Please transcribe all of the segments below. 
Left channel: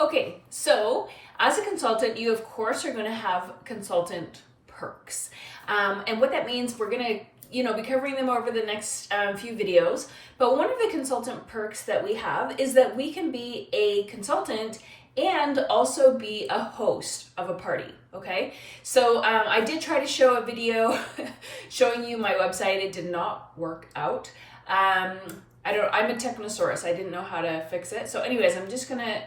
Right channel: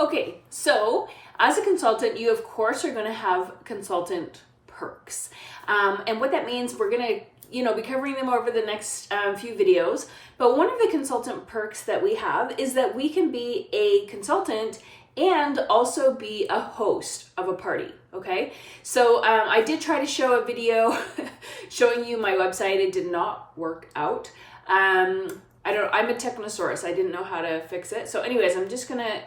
Okay, so as a consultant, you of course are going to have consultant perks. And what that means, we're going to be covering them over the next few videos. But one of the consultant perks that we have is that we can be a consultant and also be a host of a party. Okay, so I did try to show a video showing you my website. It did not work out. I'm a technosaurus. I didn't know how to fix it. So anyways, I'm just gonna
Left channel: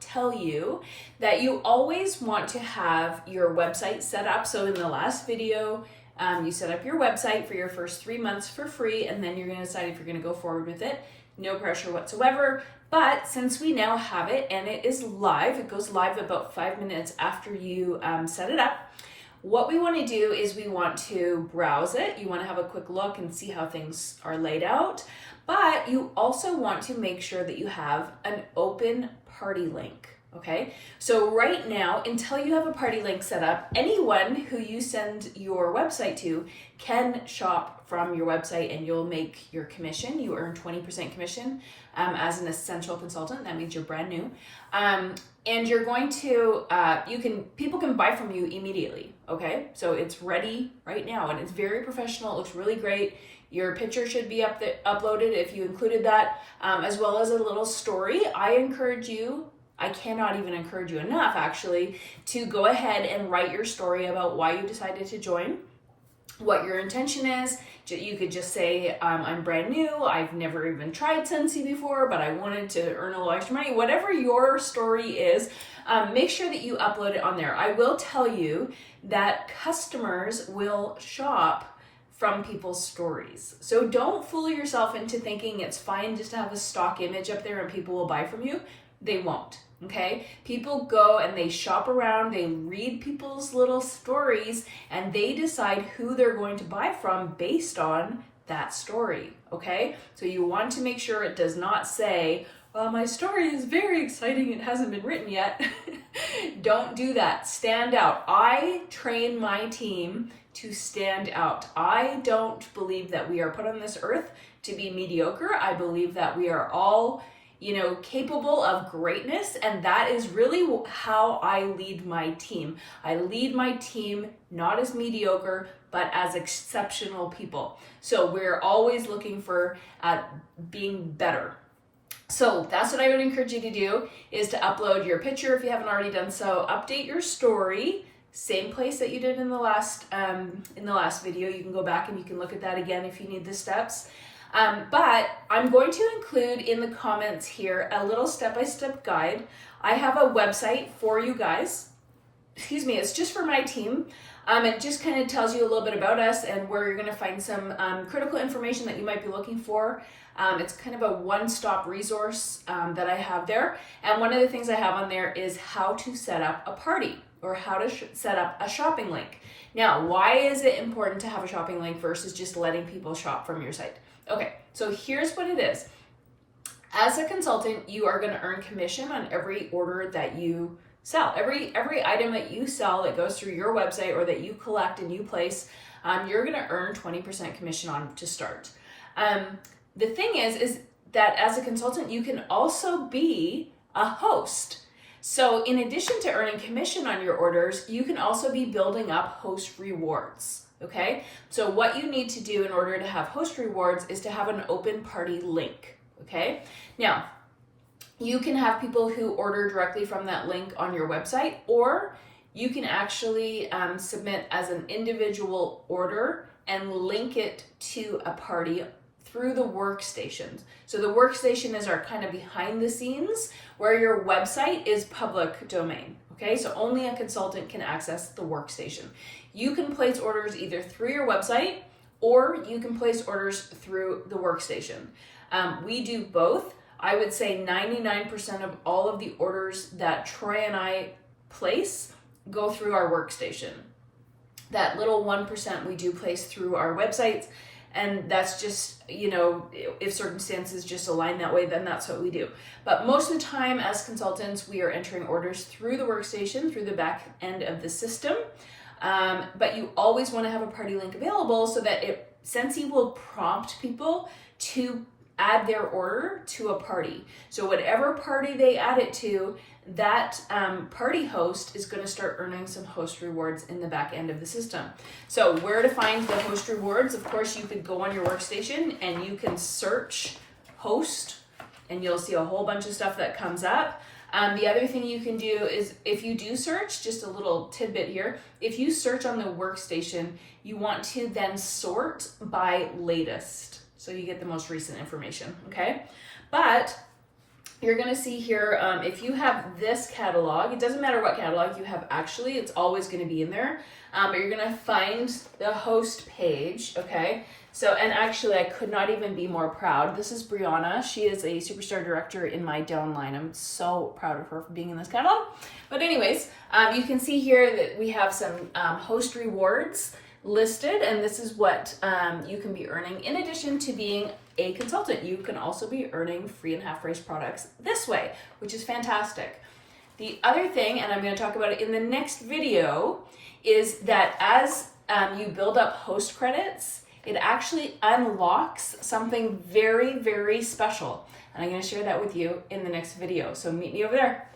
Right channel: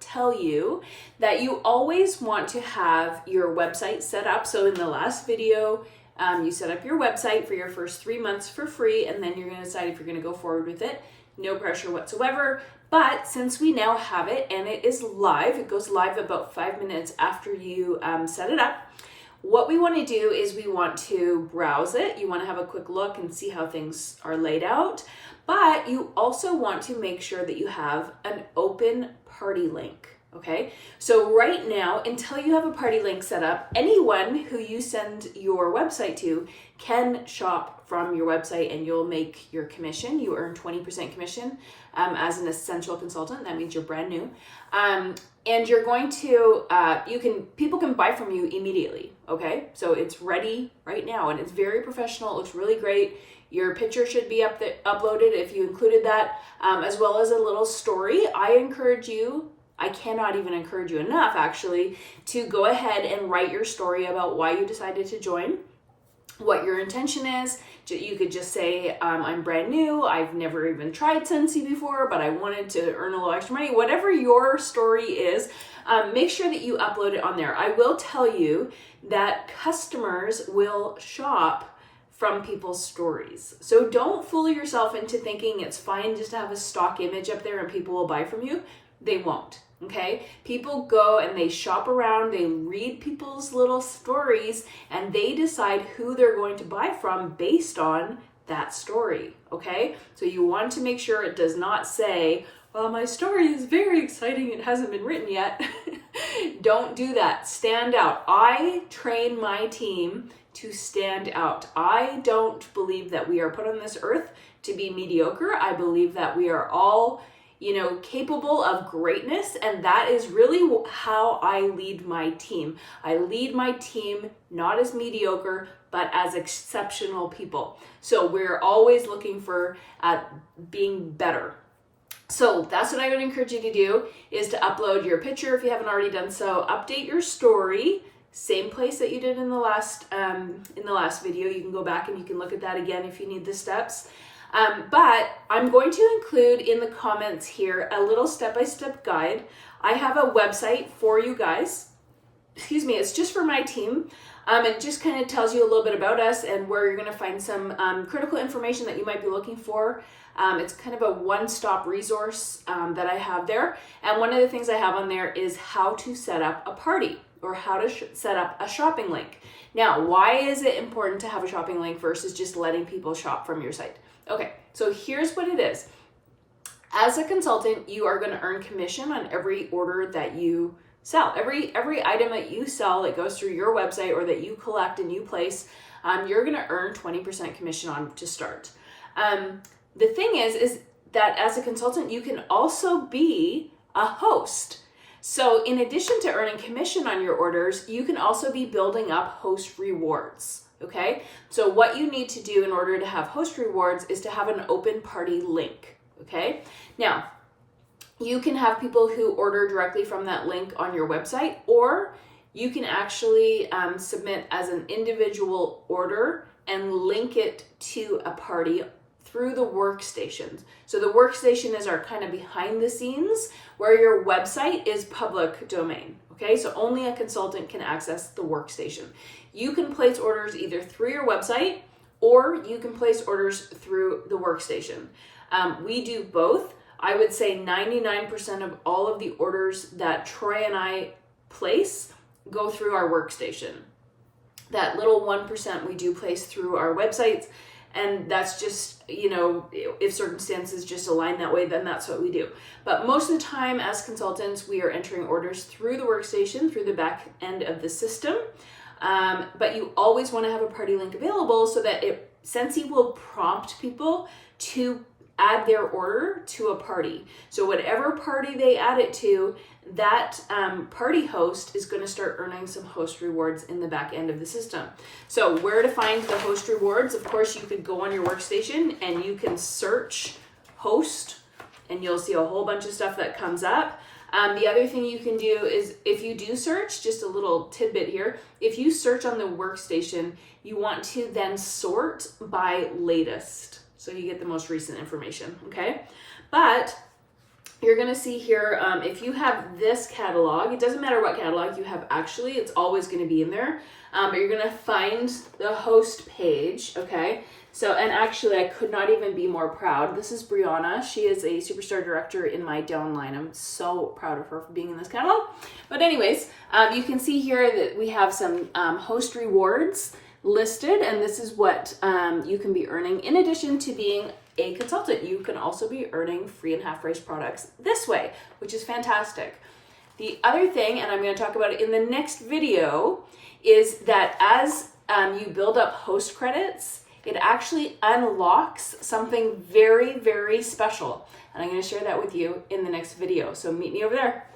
tell you that you always want to have your website set up. So in the last video, you set up your website for your first 3 months for free, and then you're gonna decide if you're gonna go forward with it. No pressure whatsoever. But since we now have it and it is live, it goes live about 5 minutes after you set it up. What we want to do is we want to browse it. You want to have a quick look and see how things are laid out. But you also want to make sure that you have an open party link. Okay, so right now, until you have a party link set up, anyone who you send your website to can shop from your website and you'll make your commission. You earn 20% commission as an essential consultant. That means you're brand new. And you're going to, people can buy from you immediately. Okay, so it's ready right now and it's very professional. It looks really great. Your picture should be uploaded if you included that, as well as a little story. I cannot even encourage you enough, actually, to go ahead and write your story about why you decided to join, what your intention is. You could just say, I'm brand new, I've never even tried Scentsy before, but I wanted to earn a little extra money. Whatever your story is, make sure that you upload it on there. I will tell you that customers will shop from people's stories. So don't fool yourself into thinking it's fine just to have a stock image up there and people will buy from you. They won't. Okay, people go and they shop around, they read people's little stories, and they decide who they're going to buy from based on that story. Okay, so you want to make sure it does not say, well, my story is very exciting, it hasn't been written yet. Don't do that. Stand out. I train my team to stand out. I don't believe that we are put on this earth to be mediocre. I believe that we are all capable of greatness. And that is really how I lead my team. I lead my team not as mediocre, but as exceptional people. So we're always looking for being better. So that's what I would encourage you to do, is to upload your picture if you haven't already done so. Update your story, same place that you did in the last video. You can go back and you can look at that again if you need the steps. But I'm going to include in the comments here a little step-by-step guide. I have a website for you guys. It's just for my team. It just kind of tells you a little bit about us and where you're going to find some critical information that you might be looking for. It's kind of a one-stop resource that I have there. And one of the things I have on there is how to set up a party or how to set up a shopping link. Now, why is it important to have a shopping link versus just letting people shop from your site? Okay, so here's what it is. As a consultant, you are going to earn commission on every order that you sell. Every item that you sell that goes through your website or that you collect and you place, you're going to earn 20% commission on to start. The thing is that as a consultant, you can also be a host. So in addition to earning commission on your orders, you can also be building up host rewards. Okay, so what you need to do in order to have host rewards is to have an open party link. Okay, now you can have people who order directly from that link on your website, or you can actually submit as an individual order and link it to a party through the workstation. So the workstation is our kind of behind the scenes where your website is public domain. Okay, so only a consultant can access the workstation. You can place orders either through your website or you can place orders through the workstation. We do both. I would say 99% of all of the orders that Troy and I place go through our workstation. That little 1% we do place through our websites, and that's just, if circumstances just align that way, then that's what we do. But most of the time as consultants, we are entering orders through the workstation, through the back end of the system. But you always want to have a party link available so that Scentsy will prompt people to add their order to a party. So whatever party they add it to, that party host is going to start earning some host rewards in the back end of the system. So where to find the host rewards? Of course, you could go on your workstation and you can search host, and you'll see a whole bunch of stuff that comes up. The other thing you can do is, if you do search, just a little tidbit here, if you search on the workstation, you want to then sort by latest, so you get the most recent information, okay? But you're gonna see here, if you have this catalog, it doesn't matter what catalog you have actually, it's always gonna be in there, but you're gonna find the host page, okay? So, and actually I could not even be more proud. This is Brianna. She is a superstar director in my downline. I'm so proud of her for being in this catalog. But anyways, you can see here that we have some host rewards listed, and this is what you can be earning. In addition to being a consultant, you can also be earning free and half price products this way, which is fantastic. The other thing, and I'm going to talk about it in the next video, is that as you build up host credits, it actually unlocks something very, very special. And I'm going to share that with you in the next video. So meet me over there.